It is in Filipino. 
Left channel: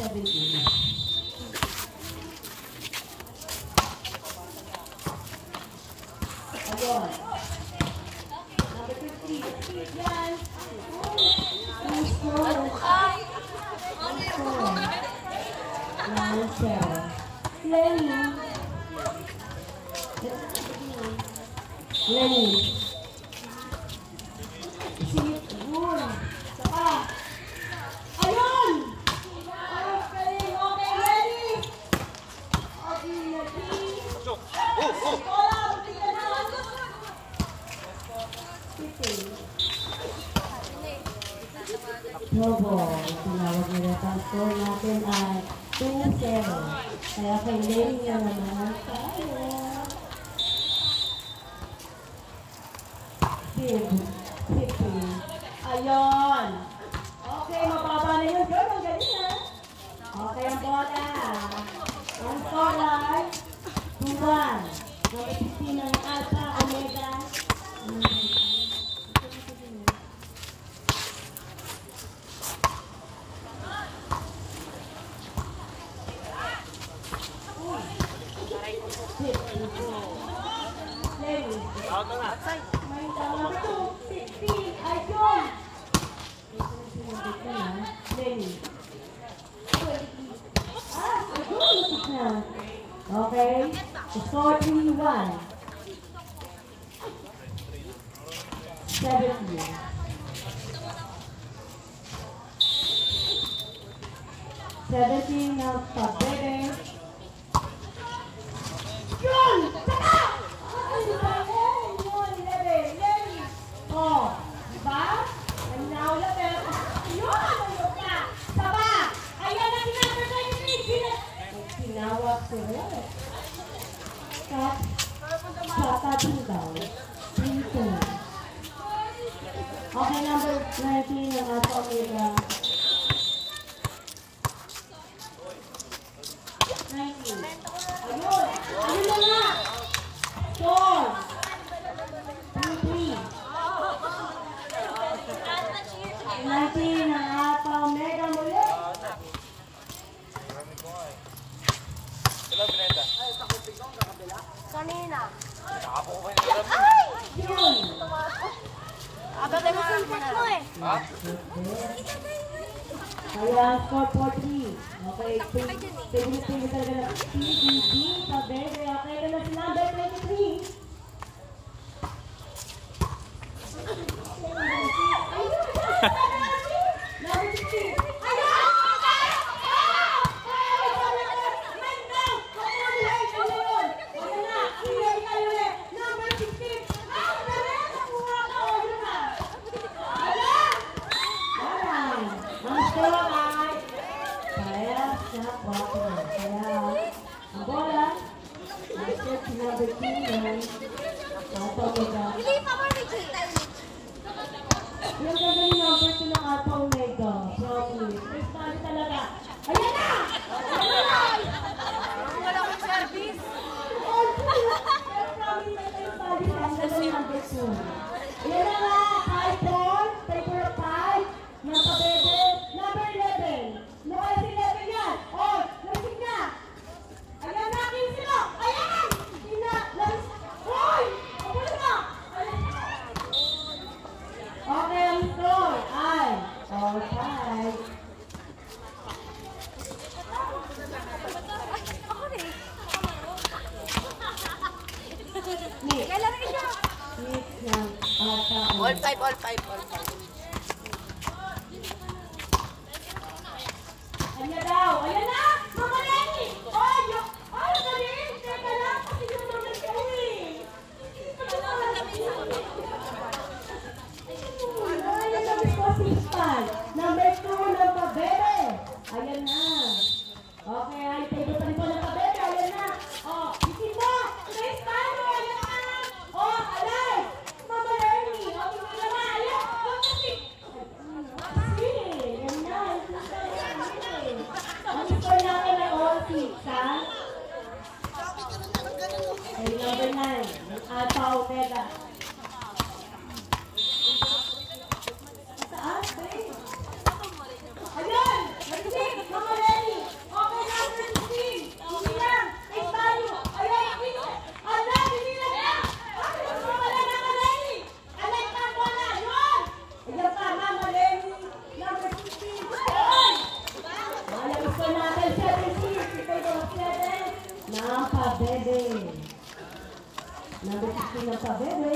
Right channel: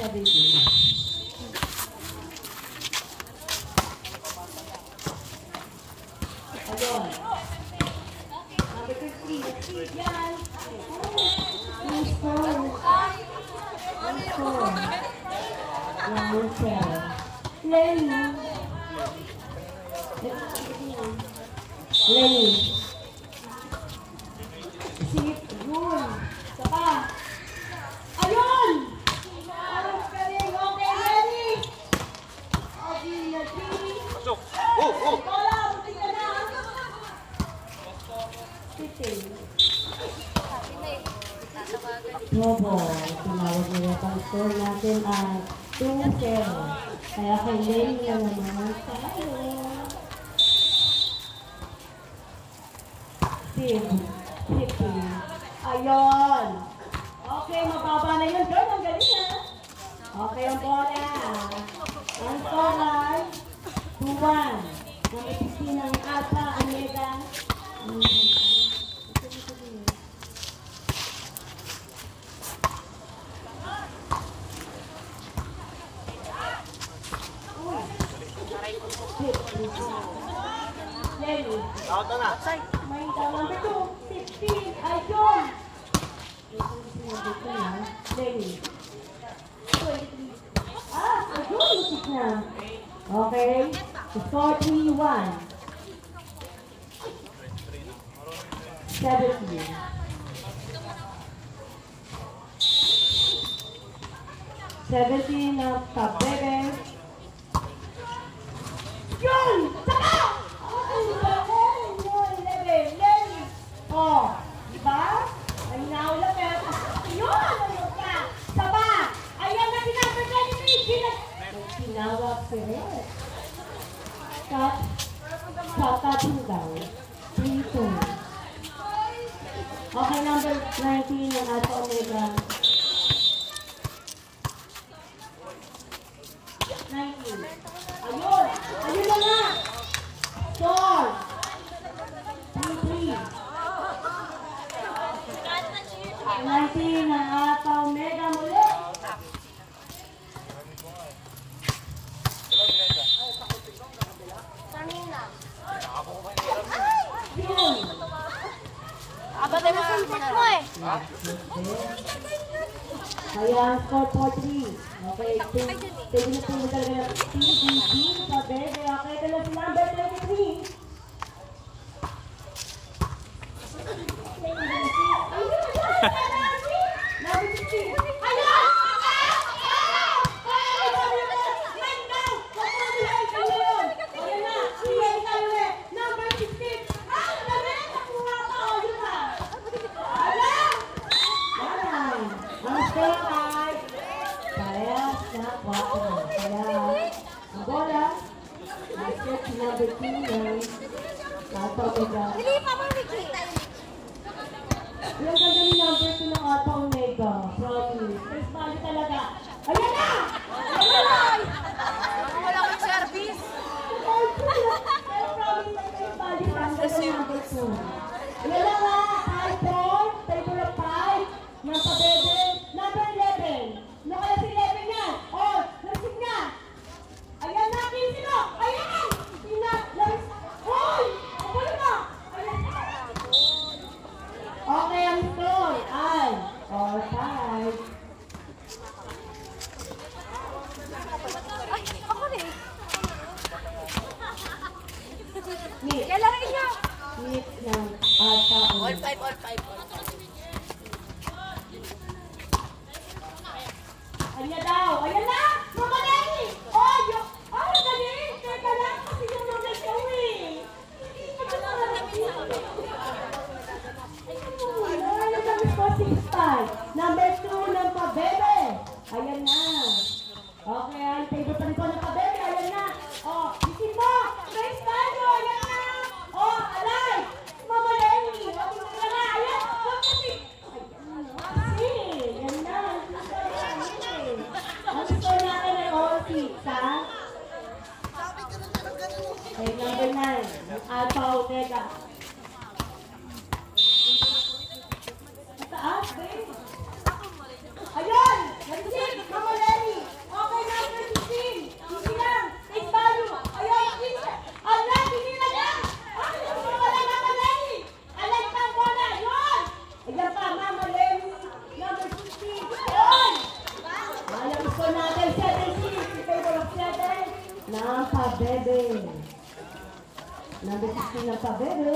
17. Ayun. Number 15. Yan. Nice score. Nice score. Nice score. Lenny. Lenny. Sit. Good. Saka. Ayun! Ayun, galing. Okay, Lenny. Okay, Lenny. Bola, buti ka na. Sitting. Bobo, tinawag nila pa. Score natin ay 2-0. Kaya kay Lenny na naman tayo. Sitting. Ayun. Okay, mababa na yun. Girl, ang galing na. Okay, ang bola. Ang score ay 2-1. Number 15 ng Alpha Omega. May number 2, 16. Ayun! Lenny. Ayun, lutik na. Okay. Score 3-1. 17. 17 na Pabebe. Yun! Saka! Yun, 11. Lenny. Oh, diba? Naminaw lang pero yun! Ayun ka! Saba! Ayan na number 23. Tinawag ko rin. Kakatong daw. 3-2. Okay, number 19 ng Alpha Omega. 19. Ayun! Ayun na nga! Score! 3-3. 19 ng Alpha Omega muli. Kanina. Yun! Abot mo mo eh. Kaya score 4-3. Okay, pwede na po talaga ng TBB sa bebe. Okay, ito na si number 23. Number 16. Ayan! Number 16. Ang score ay parehas na 4. Kaya ang bola ay set si number 2 ng Alpha Omega. Hindi pa mo, Ricky. Yung ganda ni number 2 ng Alpha Omega. Promise. First value talaga. Ayan na! Ayan na! Wala akong service. Pero promise na yung value ang ganda ni number 2. Ayan na nga! High point. Paper of 5. Ng Pabebe. Number 11. No kaya si 11 yan. Oh, lasig na. Ayan na, 15 mo. Ayan! Labis. Hoy! Kapuli mo. Ayan. Okay, ang score ay 4-5. Ay, ako na eh. Nick. Yan lang ito. Nick ng Alpha All Omega. 5, all 5. Ayan daw. Ayan na! Mga Lenny! Ay, galing! Teka lang kasi yung mga showy. Ayan na, responsive spy. Number 2 ng Pabebe. Ayan na. Okay, ay, pwede pa rin po ng Pabebe. Ayan na. Oh, isin mo! Grace Pano! Ayan na! Oh, alay! Mama Lenny! Oh, tingnan na! Ayan! Oh, kasi! Ayan na. Ang score natin ay all 6, ha? Okay, number 9. Alpha Omega. Mataas, babe. Ayan! Nag-6! Mama Lenny! pabebe. Number 16 ng pabebe.